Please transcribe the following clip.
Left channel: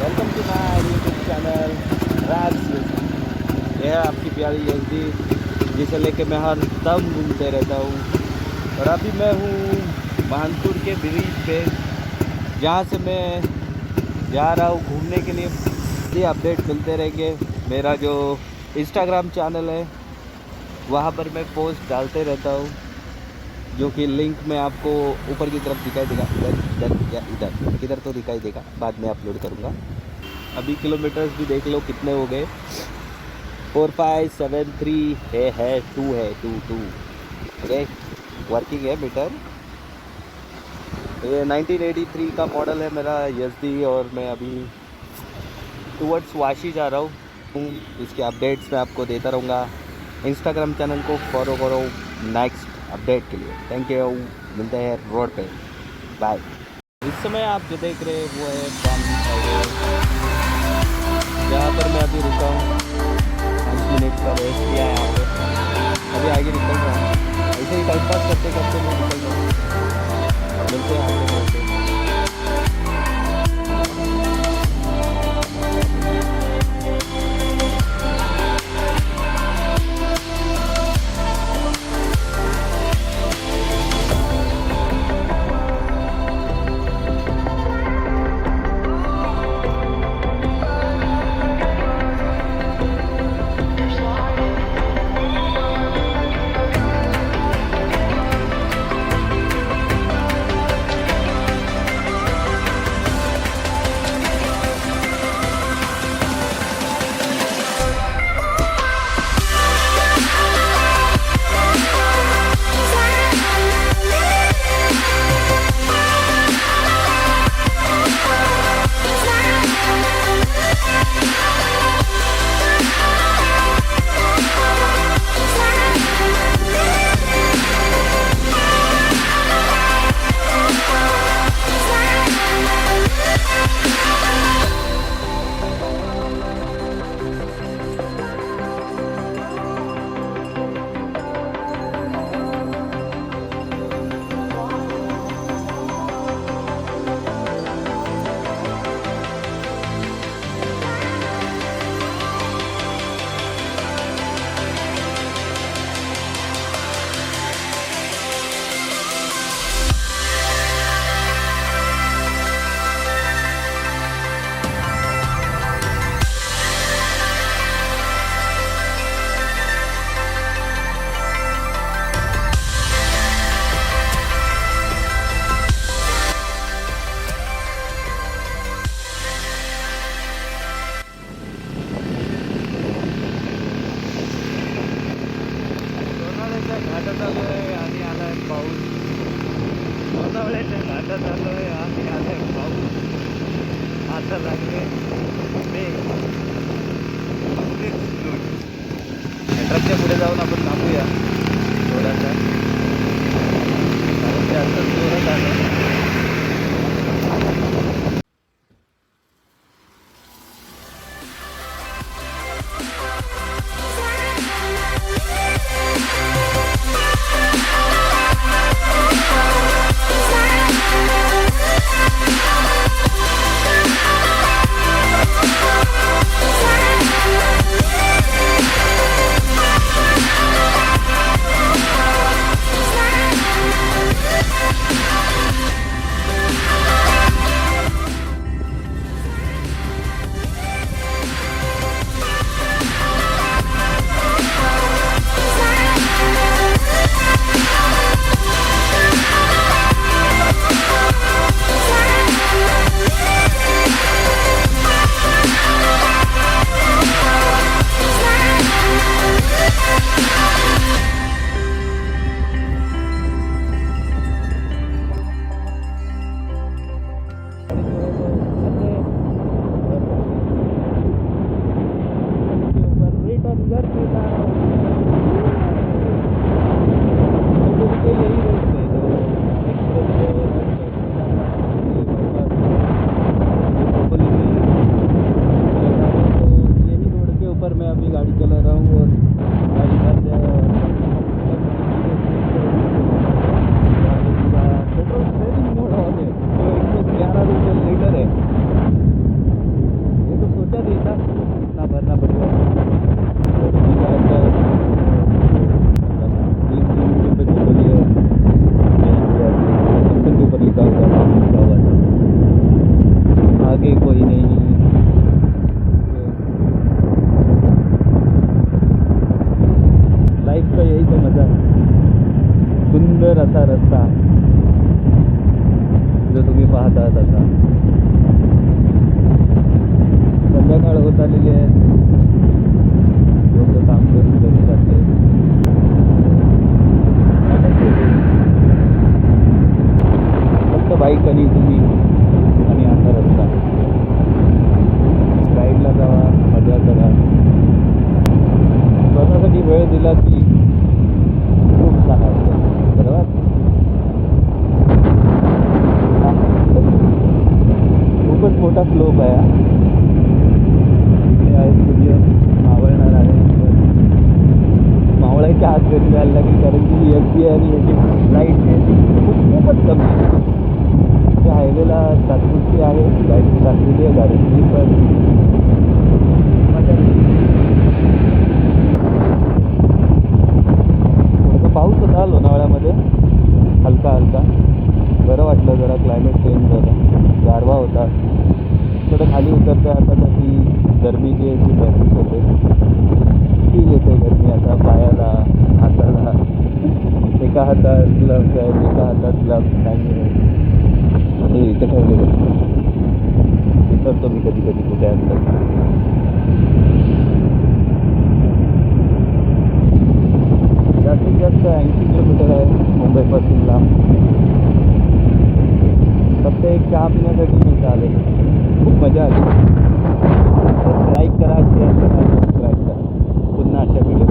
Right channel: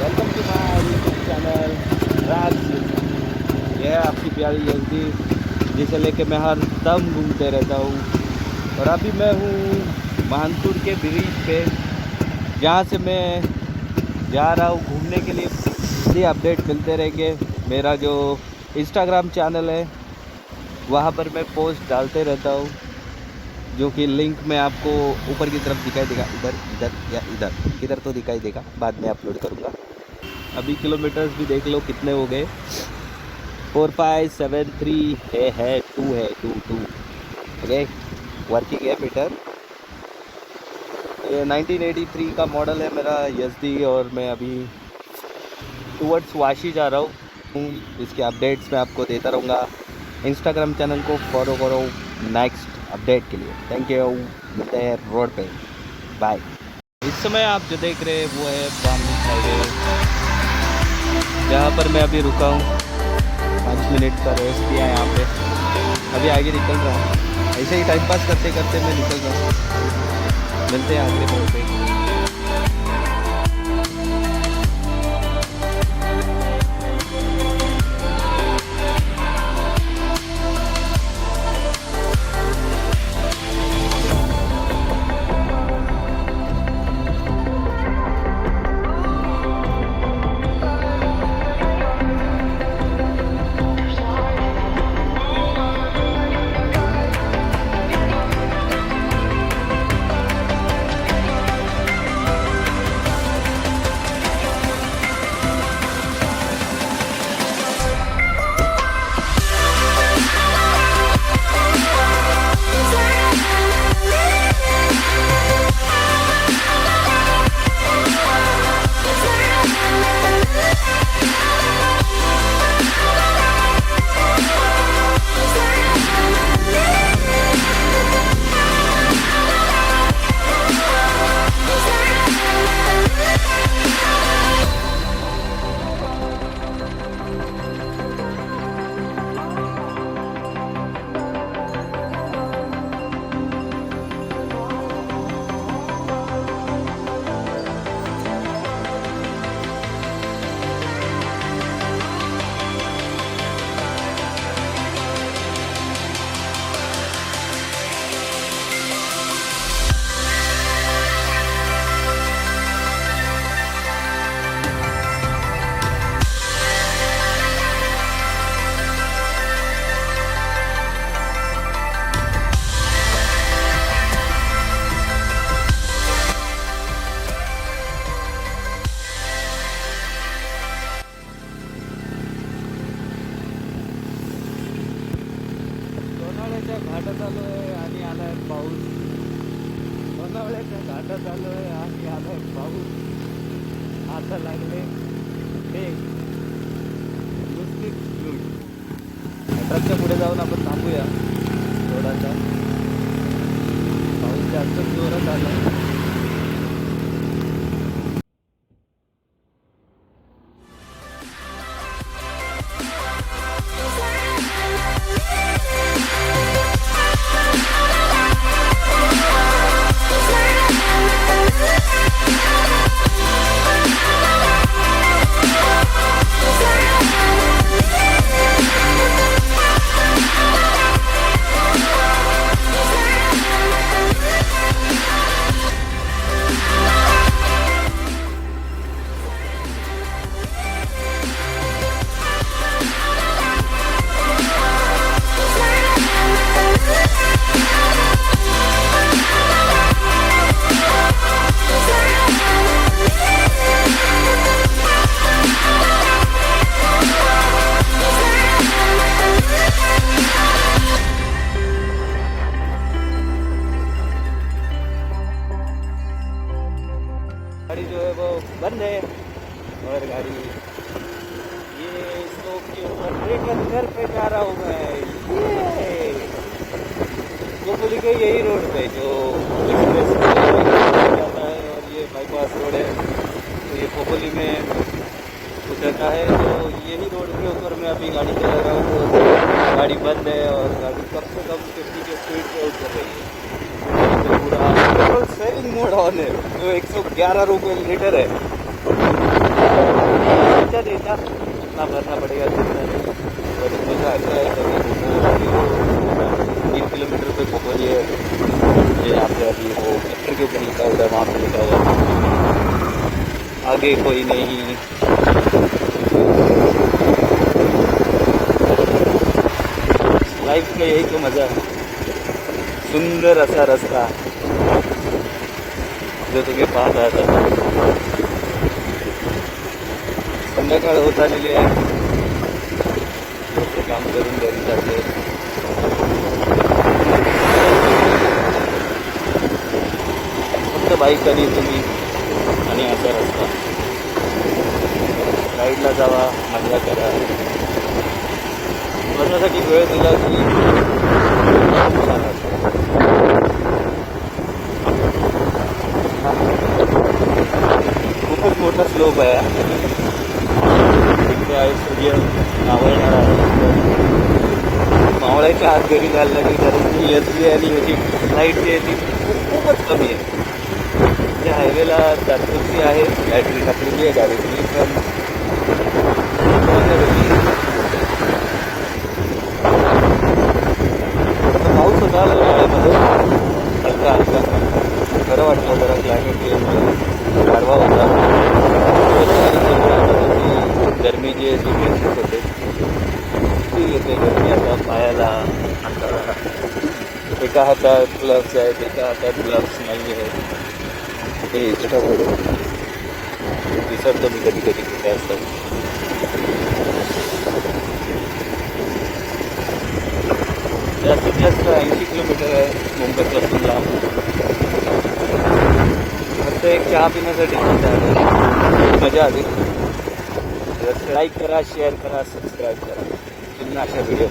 Welcome to my YouTube channel RavsYezdi। यह है आपकी प्यारी यज़दी, जिसे लेके मैं हर दम घूमते रहता हूँ। और अभी मैं हूँ मानसूर के ब्रिज पे, जहाँ से मैं जा रहा हूँ घूमने के लिए। ये अपडेट मिलते रहेंगे। मेरा जो इंस्टाग्राम चैनल है वहाँ पर मैं पोस्ट डालते रहता हूँ, जो कि लिंक मैं आपको ऊपर की तरफ दिखाई देगा। इधर इधर या इधर तो दिखाई देगा, बाद में अपलोड करूँगा। अभी किलोमीटर्स भी देख लो कितने हो गए। 4573 है 2 ओके, वर्किंग है मीटर। ये 1983 का मॉडल है मेरा यज़दी, और मैं अभी टूवर्ड्स वाशी जा रहा हूँ। इसके अपडेट्स मैं आपको देता रहूँगा। इंस्टाग्राम चैनल को फॉलो करो नेक्स्ट अपडेट के लिए। थैंक यू, मिलते हैं रोड पे, बाय। इस समय आप जो देख रहे हैं वो है पाम बीच हाईवे, जहाँ पर मैं अभी रुका हूँ। 5 मिनट का रेस्ट किया है यहाँ पे, अभी आगे निकल रहा हूँ। ऐसे ही टाइम पास करते करते मैं निकल रहा हूँ। मिलते हैं आगे मोड़ पे। घाटात आलो आहे आणि आला आहे पाऊस. लोणावळ्याच्या घाटात आलो आहे आणि आला आहे पाऊस. आता लागले ते दुसरी लूट. ट्रकच्या पुढे जाऊन आपण थांबूया थोडासा. पाऊस जास्त जोरात आला. गाड़ी जो है वो बंद है, और गाड़ी के ऊपर लेकर घर पे जा रहा हूँ मैं। तो बोली गई यही रोड पे जो एक्सप्रेस जाना है, ये बाईपास रोड है, ये पोपली में उधर का है। तो यही रोड के ऊपर मैं अभी गाड़ी चला रहा हूँ। तो गाड़ी बंद है और गाड़ी कम से कम 50 के स्पीड से होनी चाहिए। पेट्रोल सेविंग मोड ऑन है, तो 111 रुपये लीटर है। क्या देता, कितना भरना पड़ेगा कितना। तो मुझे ऐसा है कि 3 किलोमीटर पे पहुँचे यहाँ पे अभी पत्थर के ऊपर लिखा होगा वहाँ पर निकला जाता है, आगे कोई नहीं। लाइफ का यही तो मज़ा है, सुंदर असा रस्ता जो तुम्ही पाहत आहात आता। संध्याकाळ होत आलेली आहे, लोक काम करून घरी जाते। फक्त बाईक आणि तुम्ही आणि असा रस्ता, राईडला जावा, मजा करा, स्वतःसाठी वेळ दिला की खूप छान असतं। खूपच मोठा स्लोप आहे, इकडे आहे सूर्य मावळणार आहे, मावळायच्या आत घरी जायला लागेल, कारण की एसबी आहे आणि याची लाईट जी आहे ती खूपच कमी आहे। त्या हायवेला तात्पुरती आहे, बॅटरी टाकलेली आहे गाडीची, तर थोडासा पाऊस होता लोणावळ्यामध्ये, हलका हलका, बरं वाटलं जरा, क्लायमेट चेंज गारवा होता थोडं, त्यानंतर आता तशी गरमी जी आहे ती महसूस होते, ती येते गरमी आता पायाला, हाताला। एका हातात ग्लव्स आहेत, एका हातात ग्लव्स नाही आहे, हे इथं विसरतो मी कधी कधी कुठे असतं। जास्तीत जास्त 80 किलोमीटर आहे मुंबईपासून लांब। फक्त एक चहा पिण्यासाठी इथे आलो, मजा आली। लाईक करा, शेअर करा, सबस्क्राईब करा, पुन्हा अशा व्हिडिओ